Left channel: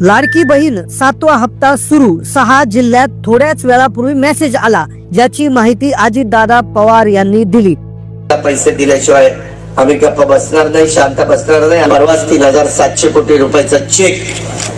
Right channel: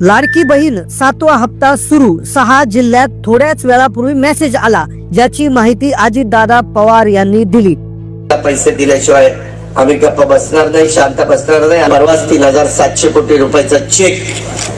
लाडकी बहीण 7वा हप्ता सुरू 6 जिल्ह्यात थोड्याच वेळापूर्वी मेसेज आला, ज्याची माहिती अजितदादा पवार यांनी दिली। पैसे दिल्याशिवाय आम्ही गप्प बसणार नाही, शांत बसणार नाही। परवाच 3700 कोटी रुपयाचा चेक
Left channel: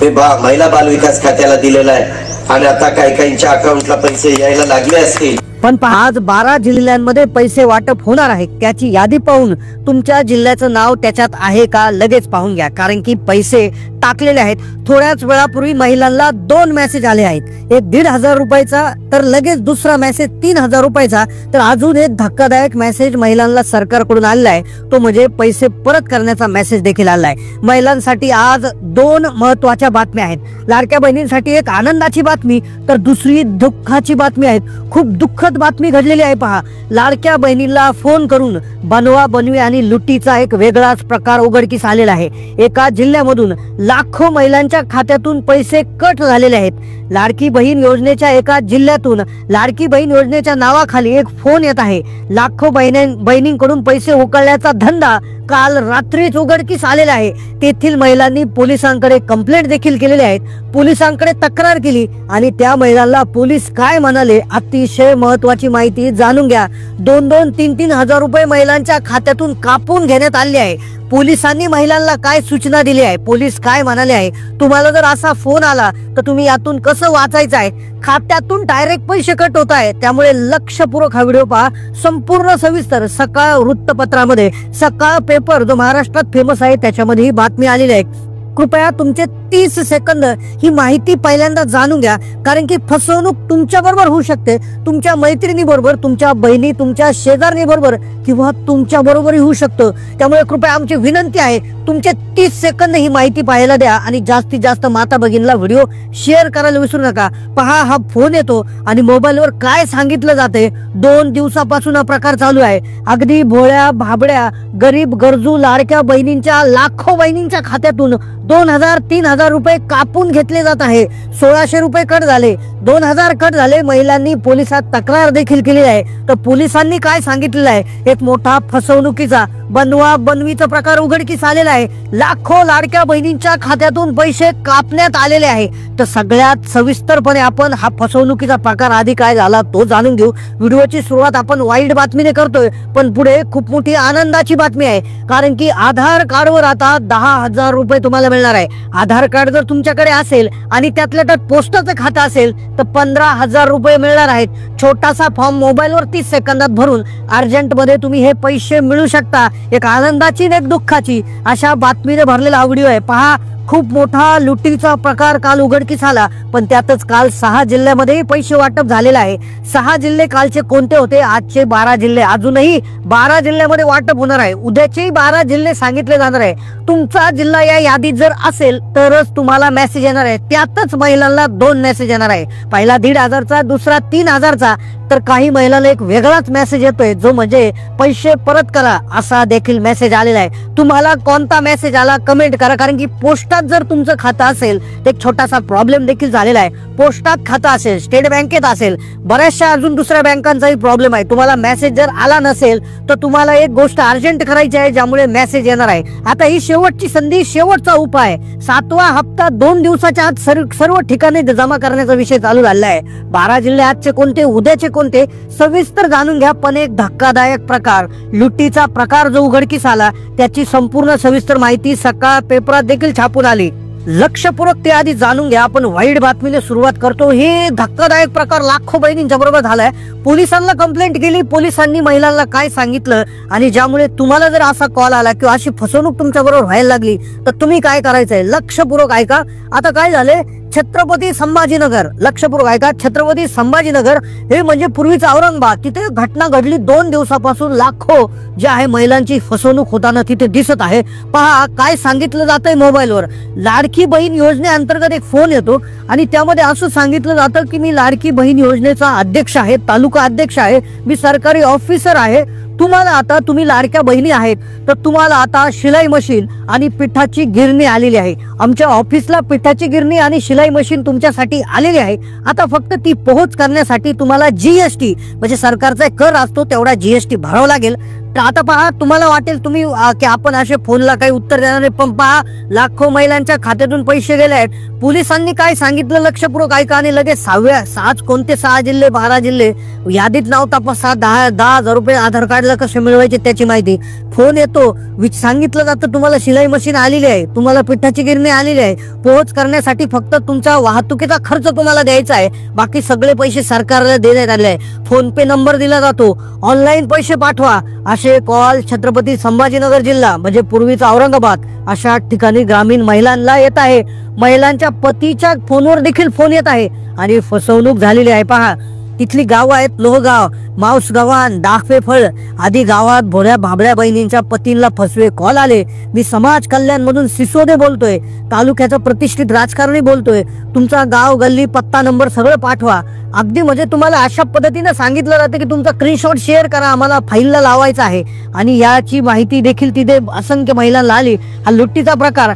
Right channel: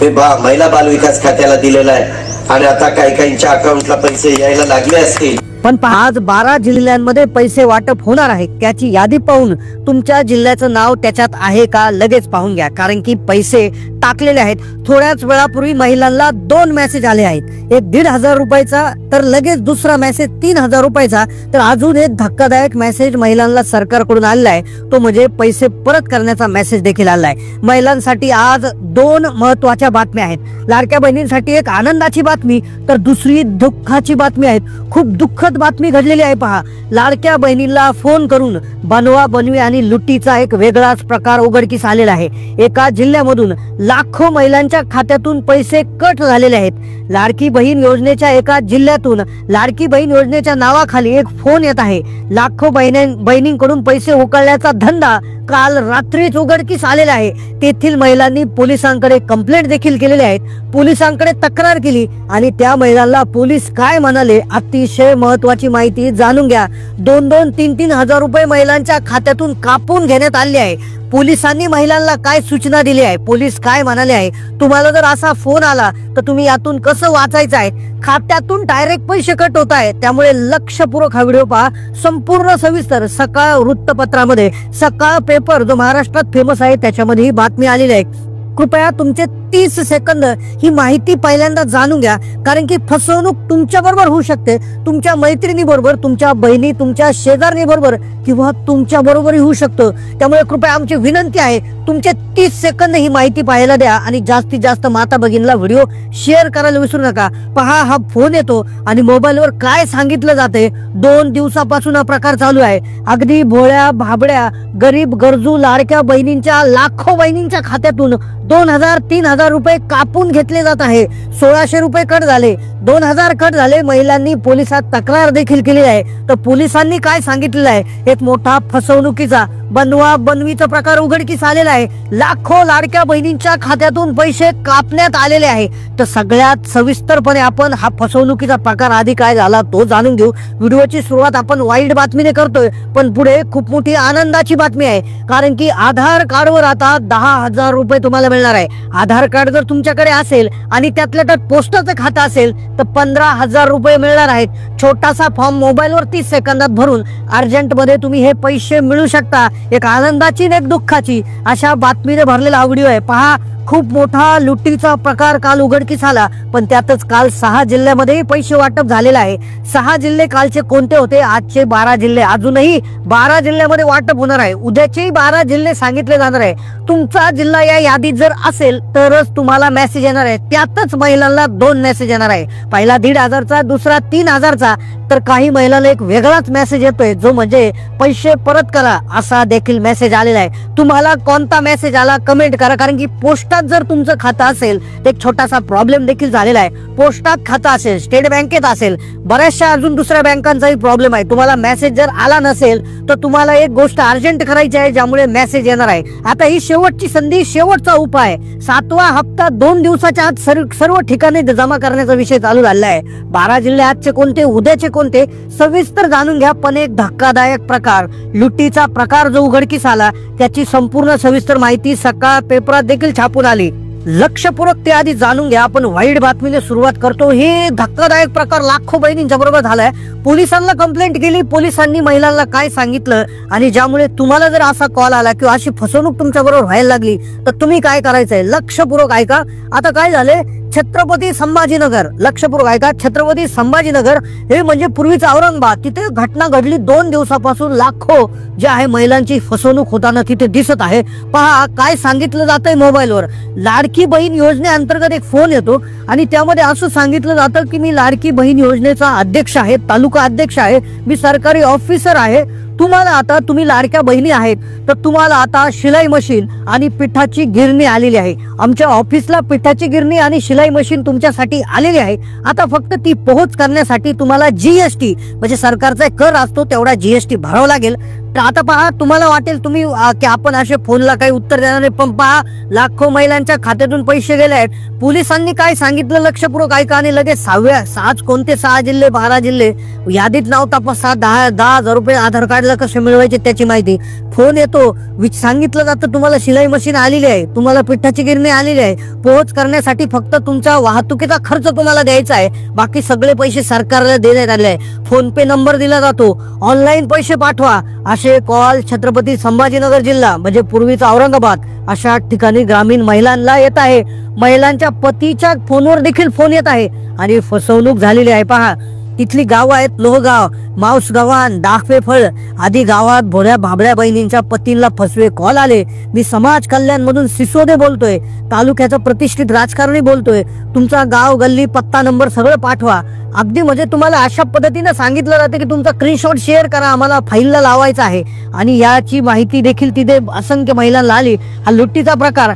हे महिला बाल विकास खात्याला दिलेला आहे आणि आता काही काहींच्या अकाउंटला पैसे यायला लागले असतील। पण आज 12 जिल्ह्यांमध्ये पैसे वाटप होणार आहे, त्याची यादी पाहून तुमच्या जिल्ह्याचं नाव त्याच्यात आहे का लगेच पाहून घ्या, कारण की पैसे टाकलेले आहेत। थोड्याच वेळापूर्वी महिलांना 2 मेसेज आले आहेत, एक 1,500 रुपयाचा तर लगेच दुसरा मेसेज 3,000 रुपयाचा। तर अजून एक धक्कादायक मेसेज महिलांना सरकारकडून आलेला आहे, तो म्हणजे पैसे परत करण्याचा मेसेज देखील आला आहे। महिलांसाठी आज 2 महत्वाच्या बातम्या आहेत। लाडक्या बहिणींसाठी एक आनंदाची बातमी तर दुसरी दुःखाची बातमी आहे। खूप दुःखद बातमी घडलेली आहे पहा। लाडक्या बहिणींना फोन करून बनवा बनवी आणि लुटीचा एक वेगळाच प्रकार उघडकीस आलेला आहे। एका जिल्ह्यामधून लाखो महिलांच्या खात्यातून पैसे कट झालेले आहेत। लाडकी बहीण योजनेच्या एका जिल्ह्यातून लाडकी बहीण योजनेच्या नावाखाली एक फोन येत आहे। लाखो बहिणींकडून पैसे उकळण्याचा धंदा काल रात्रीच उघडकीस आलेला आहे। तेथील महिलांनी पोलिसांकडे कंप्लेंट देखील केलेली आहे, पोलिसांकडे तक्रार केली आणि त्या महिलांना पोलीस काय म्हणाले अतिशय महत्वाची माहिती जाणून घ्या। 2-2, 3-3 हजार रुपये महिलांच्या खात्यातून कापून घेण्यात आले आहे। पोलिसांनी महिलांना काय सूचना दिली आहे, पोलीस काय म्हणाले आहे, तुम्हाला जर असा फोन आला तर तुम्ही यातून कसं वाचायचं आहे। खात्यातून डायरेक्ट पैसे कट होत आहे, त्यामुळे लक्षपूर्वक हा व्हिडिओ पहा संपूर्ण सविस्तर। सकाळ वृत्तपत्रामध्ये, सकाळ पेपर जो महाराष्ट्रात फेमस आहे त्याच्यामध्ये ही बातमी आलेली आहे। कृपया तुमची 30 सेकंद ही माहिती पहिल्यांदा जाणून घ्या, कारण की फसवणूक तुमच्या बरोबर होऊ शकते, तुमच्या मैत्रिणी बरोबर, तुमच्या बहिणी, तुमच्या शेजारी बरोबर किंवा तुमच्या बरोबरही होऊ शकतो। त्यामुळे कृपया आमची विनंती आहे, तुमचे 30 सेकंद ही माहिती पाहायला द्या आणि जास्तीत जास्त माता भगिनीला व्हिडिओ शेअर करायला विसरू नका। पहा, हा फोन येतो आणि मोबाईलवर काय सांगितलं जाते। 2 दिवसापासून हा प्रकार चालू आहे। अगदी भोळ्या भाबड्या गरीब गरजू लाडक्या बहिणींच्या लाखो बहिणींच्या खात्यातून 2,000, 3,000 रुपये कापून घेतले जात आहे। 1,600 रुपये कट झाले, 2,000 कट झाले। महिलांनी पोलिसात तक्रार देखील केली आहे। तर पोलिसांनी काय सांगितलेलं आहे, एक मोठा फसवणुकीचा बनवा बनवीचा प्रकार उघडकीस आलेला आहे। लाखो लाडक्या बहिणींच्या खात्यातून पैसे कापण्यात आलेले आहे। तर सगळ्यात सविस्तरपणे आपण हा फसवणुकीचा प्रकार आधी काय झाला तो जाणून घेऊ। व्हिडिओची सुरुवात आपण वाईट बातमीने करतोय, पण पुढे खूप मोठी आनंदाची बातमी आहे, कारण की आधार कार्डवर आता 10,000 रुपये तुम्हाला मिळणार आहे। आधार कार्ड जर तुमच्याकडे असेल आणि त्यातल्या त्यात पोस्टाचं खातं असेल तर 15,000 रुपये मिळणार आहेत। छोटासा फॉर्म मोबाईलवर 30 सेकंदात भरून अर्जंट मध्ये तुम्ही हे पैसे मिळू शकता। एक आनंदाची एक दुःखाची अशा बातमीने भरलेला हा व्हिडिओ आहे। पहा, खूप मोठा लुटीचा प्रकार काल उघडकीस आला, पण त्यातच काल 6 जिल्ह्यामध्ये पैसे वाटप झालेलं आहे। 6 जिल्हे कालचे कोणते होते, आजचे 12 जिल्हे, अजूनही 12 जिल्ह्यामध्ये वाटप होणार आहे। उद्याचे 12 जिल्हे सांगितले जाणार आहे। तुमचा जिल्हा या यादीत जर असेल तरच तुम्हाला मेसेज येणार आहे। त्यातच महिलांना 2 मेसेज येणार आहे, पहिला 1,500चा, दुसरा 3,000चा। तर काही महिलांना एक वेगळाच मेसेज येतोय, जो म्हणजे पैसे परत करा असा देखील मेसेज आलेला आहे। तुम्हाला कोणता मेसेज आला कमेंट करा, कारण की पोस्टात जर तुमचं खातं असेल, एक छोटासा प्रॉब्लेम देखील झालेला आहे। पोस्टात खातं असेल, स्टेट बँकेत असेल, बऱ्याचशा अजून दुसऱ्या बँकांचाही प्रॉब्लेम आहे। तुम्हाला मेसेज जर आला नसेल तर तुम्हाला एक गोष्ट अर्जंट करायची आहे, ज्यामुळे मेसेज येणार आहे। आता ही शेवटची संधी, शेवटचा उपाय, 7वा हप्ता 2 दिवसाच्या आत सर्व ठिकाणी जमा करण्याचा विषय चालू झालेला आहे। 12 जिल्हे आजचे कोणते, उद्याचे कोणते, सविस्तर जाणून घ्या। पण एक धक्कादायक प्रकार, लुटीचा प्रकार जो उघडकीस आला, त्याची संपूर्ण सविस्तर माहिती सकाळ पेपरात देखील छापून आली। लक्षपूर्वक ते आधी जाणून घ्या। आपण वाईट बातमीने सुरुवात करतो। ही धक्कादायक प्रकार लाखो बहिणींच्या बरोबर झालाय। पोलिसांना कंप्लेंट केली, पोलिसांनी महिलांना काय सांगितलं आणि ज्यामुळे तुम्हाला जर असा कॉल आला किंवा अशी फसवणूक तुमच्या बरोबर व्हायला लागली तर तुम्ही काय करायचंय, लक्षपूर्वक ऐका। आता काय झालंय, छत्रपती संभाजीनगर, लक्षपूर्वक ऐका, छत्रपती संभाजीनगर हे म्हणजे पूर्वीचं औरंगाबाद, तिथे घटना घडली। 2 दिवसापासून लाखो जे आहे महिलांची फसवणूक होताना तिथे दिसत आहे। पहा, काय सांगितलं जातंय मोबाईलवर, लाडकी बहीण योजनेअंतर्गत एक फोन येतो आणि त्यामध्ये असं सांगितलं जातं की मी लाडकी बहीण योजनेचा अध्यक्ष आहे, तालुका अध्यक्ष आहे, मी सरकारी ऑफिसर आहे। तुम्हाला आता, तुम्ही लाडक्या बहिणी आहेत तर तुम्हाला आता शिलाई मशीन आणि पिठाची गिरणी आलेली आहे। आमच्या ऑफिसला पिठाची गिरणी आणि शिलाई मशीन तुमच्यासाठी आलेली आहे। आता फक्त ती पोहोच करण्यासाठी तुम्हाला जीएसटी म्हणजे सरकारचा कर असतो तेवढा जीएसटी भरावा लागेल। तर आता पहा, तुम्हाला वाटेल तुम्ही की आपण अशा फोनला काही उत्तर देणार नाही, पण पहा लाखो महिलांच्या खात्यातून पैसे गेले आहेत. पोलिसांनी काय सांगितलं लक्षपूर्वक ऐका आणि लगेच 6 कोणते 6 जिल्हे 12 जिल्हे यादीत नाव तपासा. 10,000 रुपये आधार कार्डला कसे मिळवायचे त्याची माहिती. फोन येतो, सांगितलं जातं तुम्हाला सिलाई मशीन आलेली आहे, तुम्हाला पिठाची गिरणी आलेली आहे, पोहोच करण्यासाठी फक्त तुमच्या वाहतुकीचा खर्च तुम्हाला द्यायचा आहे, बाकी सगळे पैसे सरकारला देण्यात आले आहे. फोन पे नंबर दिला जातो, ऑनलाईन पैसे पाठवा असे कॉल छत्रपती संभाजीनगर जिल्हा म्हणजे पूर्वीचा औरंगाबाद अशा ठिकाणी ग्रामीण महिलांना येत आहे. महिलांच्या पतीच्या फोनवर देखील फोन येत आहे आणि फसवणूक झालेली आहे. पहा, तिथली गावं आहेत लोहगाव, माऊसगावान, दाखवेफळ आदी गावात भोळ्या बाबळ्या बहिणींच्या पतींना फसवे कॉल आले. मी समाज कल्याण मधून सिसोदे बोलतोय, तालुक्याचा प्रतिष्ठित राजकारणी बोलतोय. तुमचा गाव, गल्ली, पत्ता, नंबर सगळं पाठवा. अगदी म्हणजे तुम्हाला अशा पद्धतीने सांगितलं जातं की तुमचा स्क्रीनशॉट शेअर करा, आम्हाला फाईलला लावायचा आहे. आणि याची माहिती देखील तिथे असंख्य महिलांना आली. हा लुट्टीचा प्रकार.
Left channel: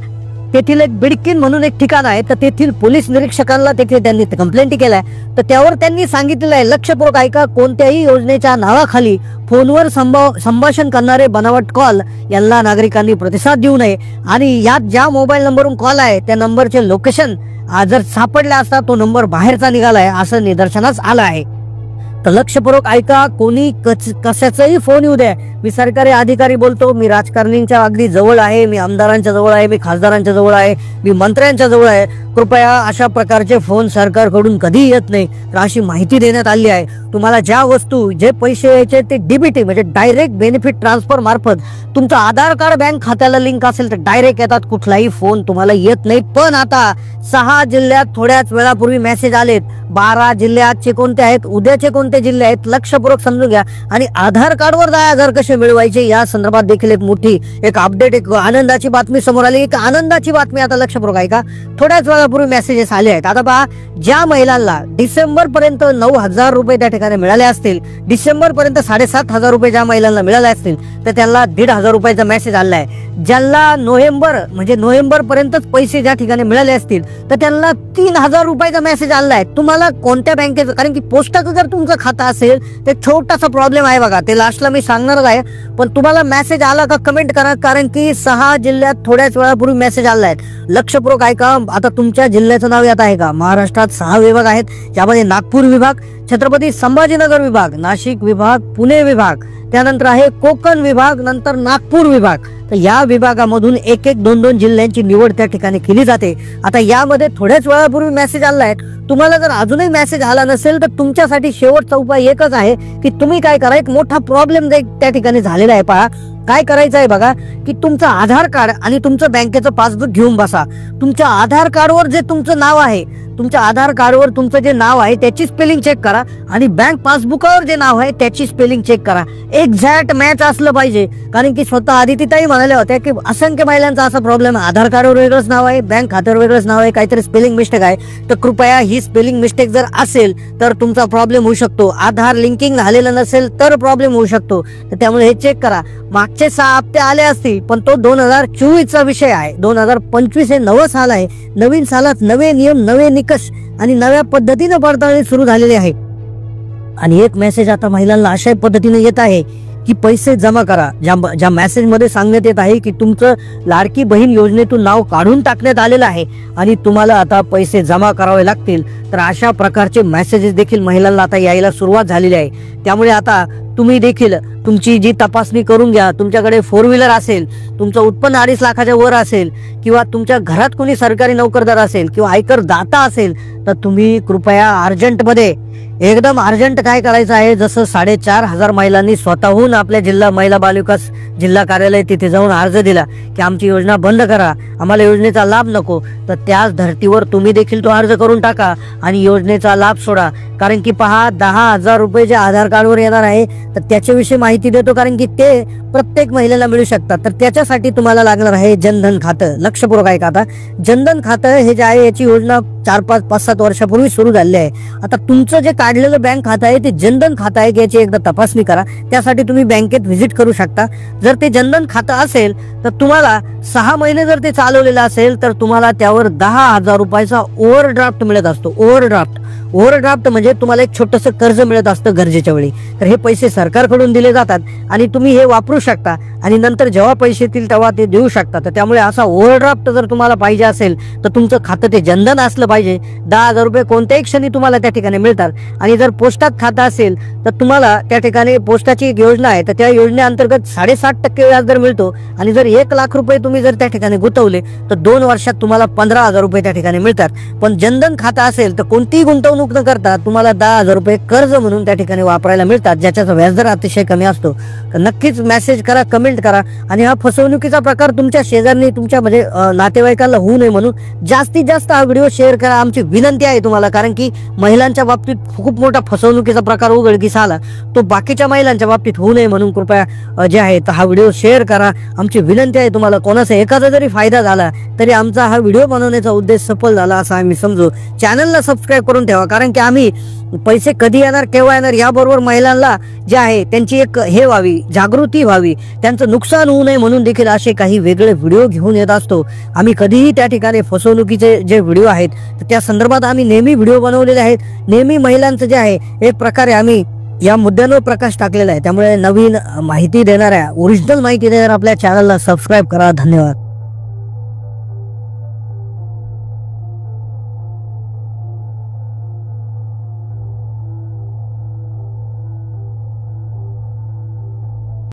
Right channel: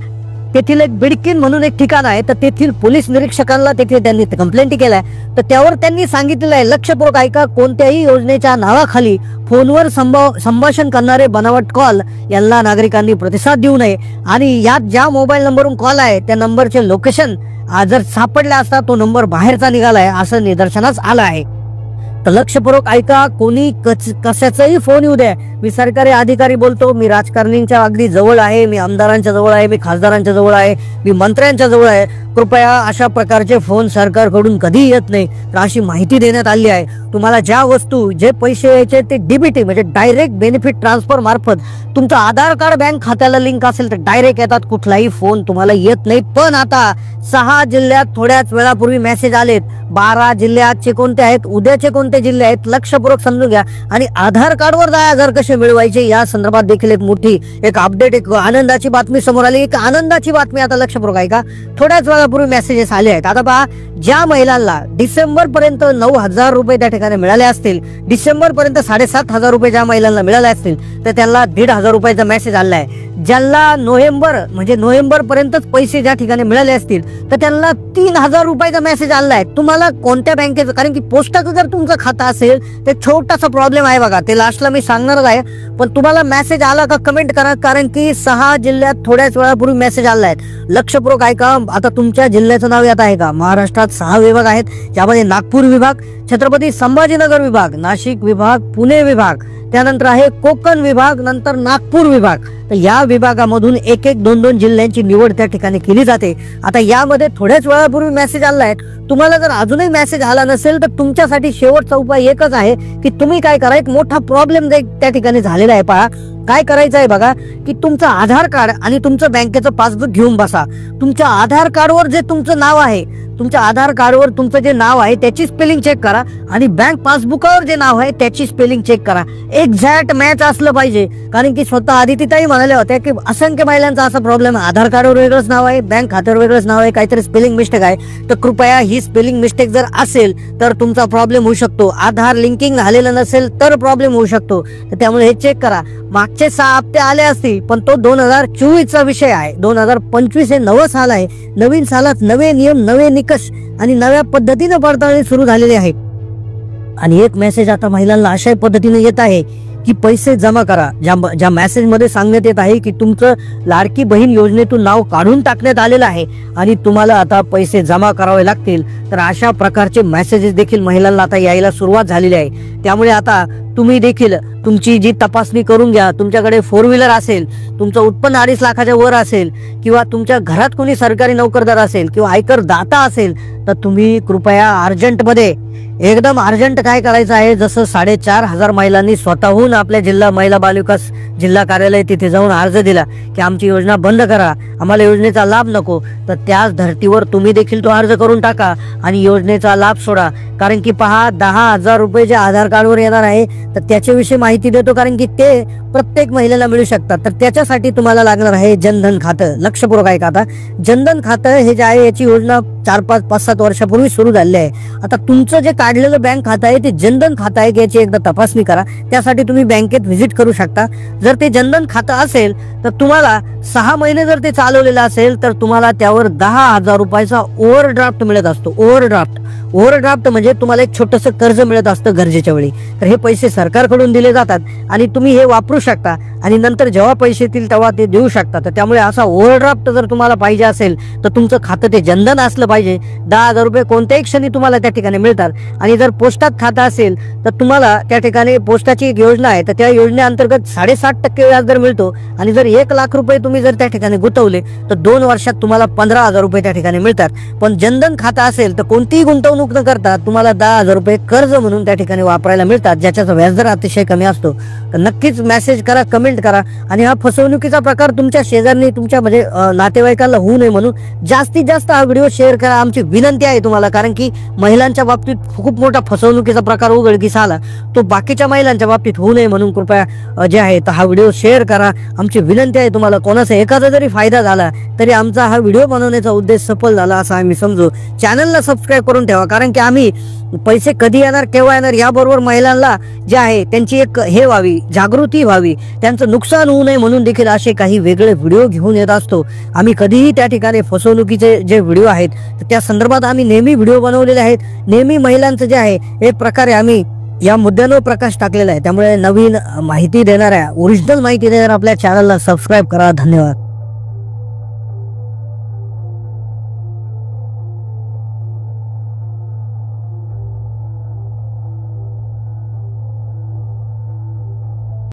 तेथील एक बिडकीन म्हणून एक ठिकाण आहे, तर तेथील पोलीस निरीक्षकांना तिथे त्यांनी कंप्लेंट केलाय. तर त्यावर त्यांनी सांगितलेलं आहे, लक्षपूर्वक ऐका, कोणत्याही योजनेच्या नावाखाली फोनवर संभाषण करणारे बनावट कॉल यांना नागरिकांनी प्रतिसाद देऊ नये. आणि यात ज्या मोबाईल नंबरवरून कॉल आहे त्या नंबरचे लोकेशन जर सापडले असता तो नंबर बाहेरचा निघालाय असं निदर्शनास आलं आहे. तर लक्षपूर्वक ऐका, कोणी कशाचाही फोन येऊ द्या, मी सरकारी अधिकारी बोलतो, मी राजकारणींच्या अगदी जवळ आहे, मी आमदारांच्या जवळ आहे, मी खासदारांच्या जवळ आहे, मी मंत्र्यांच्या जवळ आहे, कृपया अशा प्रकारचे फोन सरकारकडून कधी येत नाही अशी माहिती देण्यात आली आहे. तुम्हाला ज्या वस्तू, जे पैसे यायचे ते डीबीटी म्हणजे डायरेक्ट बेनिफिट ट्रान्सफर मार्फत तुमचं आधार कार्ड बँक खात्याला लिंक असेल तर डायरेक्ट येतात, कुठलाही फोन तुम्हाला येत नाही. पण आता 6 जिल्ह्यात थोड्याच वेळापूर्वी मेसेज आलेत. 12 जिल्ह्याचे कोणते आहेत, उद्याचे कोणते जिल्हे आहेत लक्षपूर्वक समजून घ्या. आणि आधार कार्डवर 10,000 कसे मिळवायचे या संदर्भात देखील एक मोठी एक अपडेट, एक आनंदाची बातमी समोर आली. एक आनंदाची बातमी आता लक्षपूर्वक ऐका, थोड्याच वेळापूर्वी मेसेजेस आले आहेत. आता पहा, ज्या महिलांना डिसेंबर पर्यंत 9,000 रुपये त्या ठिकाणी मिळाले असतील, डिसेंबर पर्यंत 7,500 रुपये ज्या महिलांना मिळाले असतील तर त्यांना 1,500 रुपयाचा मेसेज आला आहे. ज्यांना नोव्हेंबर पर्यंतच पैसे ज्या ठिकाणी मिळाले असतील तर त्यांना 3,000 रुपयाचा मेसेज आला आहे. तुम्हाला कोणत्या बँकेचं, कारण की पोस्टाचं जर तुमचं खातं असेल ते छोटासा प्रॉब्लेम आहे बघा, ते लास्टला मी सांगणारच आहे. पण तुम्हाला मेसेज आला का कमेंट करा, कारण की 6 जिल्ह्यात थोड्याच वेळापूर्वी मेसेज आला आहे. लक्षपूर्वक ऐका. आता तुमच्या जिल्ह्याचं नाव यात आहे का? महाराष्ट्रात 6 विभाग आहेत, यामध्ये नागपूर विभाग, छत्रपती संभाजीनगर विभाग, नाशिक विभाग, पुणे विभाग, त्यानंतर आहे कोकण विभाग, नंतर नागपूर विभाग. तर या विभागामधून 1-2 जिल्ह्यांची निवड त्या ठिकाणी केली जाते. आता यामध्ये थोड्याच वेळापूर्वी मेसेज आला आहे. तुम्हाला जर अजूनही मेसेज आला नसेल तर तुमच्यासाठी शेवटचा उपाय एकच आहे की तुम्ही काय करा, एक मोठा प्रॉब्लेम त्या ठिकाणी झालेला आहे. पहा, काय करायचं आहे बघा, की तुमचं आधार कार्ड आणि तुमचं बँकेचं पासबुक घेऊन बसा. तुमच्या आधार कार्डवर जे तुमचं नाव आहे, तुमच्या आधार कार्डवर तुमचं जे नाव आहे त्याची स्पेलिंग चेक करा आणि बँक पासबुकावर जे नाव आहे त्याची स्पेलिंग चेक करा. एक्झॅक्ट मॅच असलं पाहिजे, कारण की स्वतः आधी ते काही म्हणाले होत्या की असंख्य महिलांचा असा प्रॉब्लेम आहे, आधार कार्डवर वेगळंच नाव आहे, बँक खात्यावर वेगळंच नाव आहे, काहीतरी स्पेलिंग मिस्टेक आहे. तर कृपया ही स्पेलिंग मिस्टेक जर असेल तर तुमचा प्रॉब्लेम होऊ शकतो. आधार लिंकिंग झालेलं नसेल तर प्रॉब्लेम होऊ शकतो. त्यामुळे हे चेक करा. मागचे 6 हप्ते आले असतील पण तो 2024चा विषय आहे. 2025 हे नवं साल आहे. नवीन सालात नवे नियम, नवे निकष आणि नव्या पद्धतीने पडताळणी सुरू झालेली आहे. आणि एक मेसेज आता महिलांना अशा पद्धतीने येत आहे की पैसे जमा करा. ज्या मेसेज मध्ये सांगण्यात येत आहे की तुमचं लाडकी बहीण योजनेतून नाव काढून टाकण्यात आलेलं आहे आणि तुम्हाला आता पैसे जमा करावे लागतील. तर अशा प्रकारचे मेसेजेस देखील महिलांना आता यायला सुरुवात झालेली आहे. त्यामुळे आता तुम्ही देखील तुमची जी तपासणी करून घ्या. तुमच्याकडे 4 व्हीलर असेल, तुमचं उत्पन्न 2.5 लाखाच्या वर असेल किंवा तुमच्या घरात कोणी सरकारी नोकरदार असेल किंवा आयकर दाता असेल तर तुम्ही कृपया अर्जंटमध्ये, एकदम अर्जंट काय करायचं आहे, जसं 4,500 महिलांनी स्वतःहून आपल्या जिल्हा महिला बाल विकास जिल्हा कार्यालय तिथे जाऊन अर्ज दिला की आमची योजना बंद करा, आम्हाला योजनेचा लाभ नको. तर त्याच धर्तीवर तुम्ही देखील तो अर्ज करून टाका आणि योजनेचा लाभ सोडा. कारण की पहा, 10,000 रुपये जे आधार कार्डवर येणार आहे तर त्याच्याविषयी माहिती देतो, कारण की ते प्रत्येक महिलेला मिळू शकतात. तर त्याच्यासाठी तुम्हाला लागणार आहे जनधन खातं. लक्षपूर्वक ऐका. आता जनधन खातं हे जे आहे याची योजना 4-5-7 वर्षापूर्वी सुरू झालेली आहे. आता तुमचं जे काढलेलं बँक खातं आहे ते जनधन खातं आहे की याची एकदा तपासणी करा. त्यासाठी तुम्ही बँकेत व्हिजिट करू शकता. जर ते जनधन खातं असेल तर तुम्हाला 6 महिने जर ते चालवलेलं असेल तर तुम्हाला त्यावर 10,000 रुपयाचा ओव्हरड्राफ्ट मिळत असतो. ओव्हरड्राफ्ट म्हणजे तुम्हाला एक छोटंसं कर्ज मिळत असतं गरजेच्या वेळी. तर हे पैसे सरकारकडून दिले जातात आणि तुम्ही हे वापरू शकता आणि नंतर जेव्हा पैसे येतील तेव्हा ते देऊ शकता. तर त्यामुळे असा ओव्हरड्राफ्ट जर तुम्हाला पाहिजे असेल तर तुमचं खातं ते जनधन असलं पाहिजे. 10,000 रुपये कोणत्याही क्षणी तुम्हाला त्या ठिकाणी मिळतात. आणि जर पोस्टात खातं असेल तर तुम्हाला त्या ठिकाणी पोस्टाची एक योजना आहे तर त्या योजनेअंतर्गत 7.5% व्याजदर मिळतो. आणि जर 1 लाख रुपये तुम्ही जर त्या ठिकाणी गुंतवले तर 2 वर्षात तुम्हाला 15,000 रुपये त्या ठिकाणी मिळतात. पण जनधन खातं असेल तर कोणतीही गुंतवणूक न करता तुम्हाला 10,000 रुपये कर्ज म्हणून त्या ठिकाणी वापरायला मिळतात, ज्याचा व्याजदर अतिशय कमी असतो. तर नक्कीच मेसेज करा, कमेंट करा. आणि हा फसवणुकीचा प्रकार तुमच्या शेजारी तुमच्या म्हणजे नातेवाईकांना होऊ नये म्हणून जास्तीत जास्त हा व्हिडिओ शेअर करा आमची विनंती आहे तुम्हाला. कारण की महिलांच्या बाबतीत खूप मोठा फसवणुकीचा प्रकार उघडकीस आला, तो बाकीच्या महिलांच्या बाबतीत होऊ नये म्हणून कृपया जे आहे हा व्हिडिओ शेअर करा. आमची विनंती आहे तुम्हाला. कोणाचा एखादा जरी फायदा झाला तरी आमचा हा व्हिडिओ बनवण्याचा उद्देश सफल झाला असं आम्ही समजू. चॅनलला सबस्क्राईब करून ठेवा. कारण की आम्ही पैसे कधी येणार केव्हा येणार याबरोबर महिलांना जे आहे त्यांची एक हे व्हावी, जागृती व्हावी, त्यांचं नुकसान होऊ नये म्हणून देखील असे काही वेगळे व्हिडिओ घेऊन येत असतो. आम्ही कधीही त्या ठिकाणी फसवणुकीचे जे व्हिडिओ आहेत त्या संदर्भात आम्ही नेहमी व्हिडिओ बनवलेले आहेत. नेहमी महिलांचं जे आहे हे प्रकारे आम्ही या मुद्द्यावर प्रकाश टाकलेला आहे. त्यामुळे नवीन माहिती देणाऱ्या, ओरिजिनल माहिती देणाऱ्या आपल्या चॅनलला सबस्क्राईब करा. धन्यवाद.